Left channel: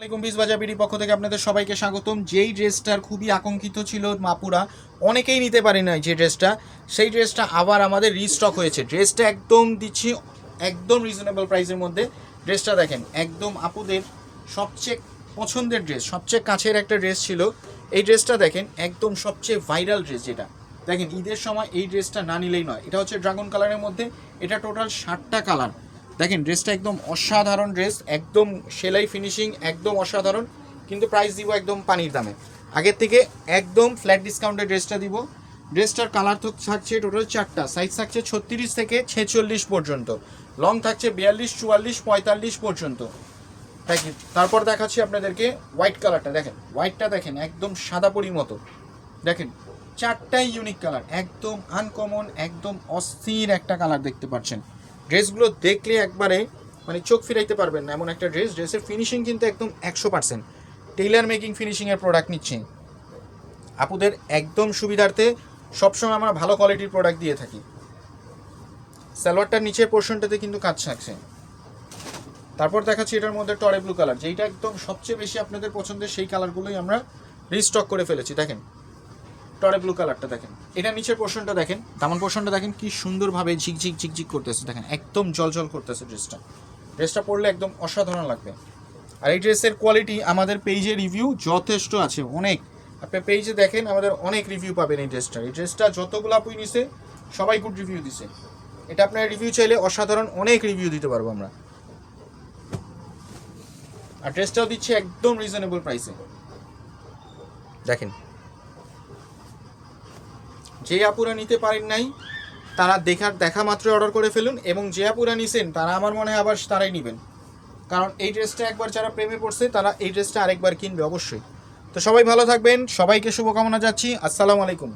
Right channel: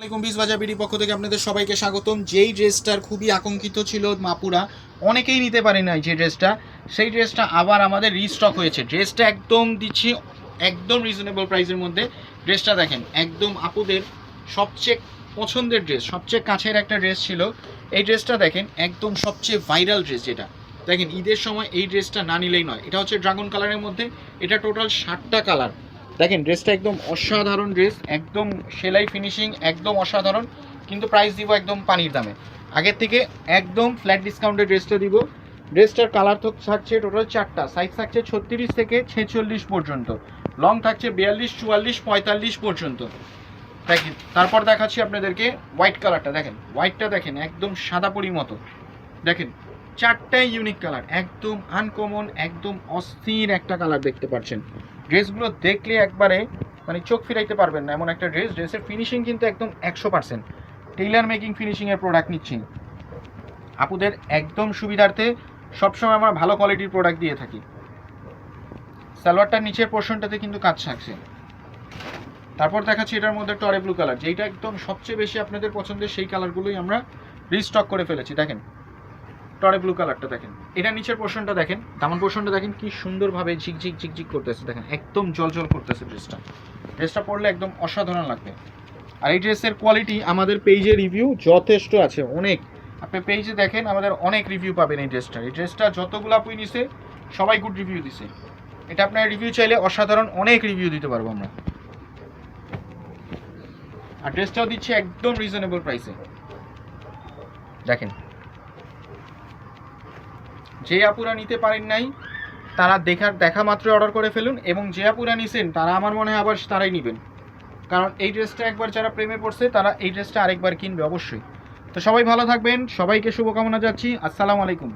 আসসালামাইকুম বাজার বিডি পক্ষ থেকে আপনাদের সবাইকে স্বাগতম। যেই ড্রেসটার খুবই আকাঙ্ক্ষিত ছিল মাপুরা, অনেকেই নিতে পারে না যে ড্রেসটা, সেই ড্রেসটা আবার আমাদের রিস্টক হয়েছে। ড্রেসটা একদম দিচ্ছি একদম রিজনেবল প্রাইসের মধ্যে। ড্রেসটা দেখেন, একদম আপুদের সবচেয়ে পছন্দের ড্রেস, সবচেয়ে কাছের একটা ড্রেস ছিল এই ড্রেসটা। দেখেন একদম সবচেয়ে ভাইরাল ড্রেস, যেটা দেখেন ঈদের সময় এই ড্রেসটা না নিলেই নয়। এটা হচ্ছে ড্রাগন কালারের মধ্যে, এটা টোটাল 7টা কালার। দেখেন ড্রেসটা একদম অসাধারণ ড্রেস, একদম সেলাই ফিনিশিং একদম অসাধারণ, কিন্তু প্রাইস দিব একদম পানির দামে। আগের থেকে একদম ফ্ল্যাট ডিসকাউন্টে ড্রেসটা দিব। ড্রেসটার কালার তো থাকছে টোটাল 4টা, সাইজ থাকছে 36 থেকে 46 পর্যন্ত, লং থাকছে 42, 44, 45 পর্যন্ত। দেখেন তারপর দেখাচ্ছি আপনাদেরকে হোয়াইট কালারটা। দেখেন হোয়াইটটা দেখেন একদম সাদা পরি মতো। দেখেন 4টাই ইউনিক কালার, একদম আনকমন, একদম অস্থির একটা কালার দেখতে পাচ্ছেন। ড্রেসগুলো দেখলে একবারে মানে চোখ ফিরাইতে পারবেন না, এমন একটা ড্রেস। ড্রেসের ফিনিশিং কিন্তু একদম 100% টেইলার মেকিং ফিনিশিংয়ের প্রোডাক্ট নিচ্ছি আপুদের একদম সুবিধার্থে। সবসময় আমরা ভালো কোয়ালিটির প্রোডাক্ট দিয়ে থাকি। সালোয়ারটার নিচের পোর্শনটাতে কিন্তু কাজ থাকছে। তারপর দেখাচ্ছি এটার মধ্যে টরে ব্লু কালার, যেটা একদম সবচেয়ে বেশি আপনাদের পছন্দের, সেই কালারগুলোই আমরা রিস্টক করে ফেলেছি। দেখেন টরে ব্লু কালারটা, দেখেন এটা নিচের পোর্শনটা, দেখেন দামান পোর্শনটা দেখেন কি সুন্দরভাবে ঝিকঝিক ঝিকঝিক করতেছে। দেখেন একদম জলজল করতেছে ড্রেসটা পরলে একদম অসাধারণ লাগবে। আর এই ড্রেসের কোয়ালিটি আমাদের পেজে রিভিউ যথেষ্ট আছে, অনেক। আপনি পেজে দেখেন আমাদের অনেক রিভিউ পাবেন এই ড্রেসটা যতগুলো আপুই নিছে সবাই গুড রিভিউ দিছে। এটা আপনার রিভিউ চাইলে অসাধারণ অনেক রিভিউ দিতে পারবো আমরা। আর ড্রেসটাও দিচ্ছি একদম রিজনেবল প্রাইসে। দেখেন যে আপুরা নিতে পারেন নাই তারা দেখা মাত্র অর্ডার করে ফেলুন, এবং যে আপুরা নিছেন তারা আমার মনে হয় আবার তারাই নেবেন, কারণ এই ড্রেসটা একবার যারা প্রেমে পড়ছে তারা এই ড্রেসটা আরেকবার কিনবে অবশ্যই। তো সবাই ভালো থাকবেন, সবাইকে শুভকামনা যাচ্ছি। আসসালামু আলাইকুম।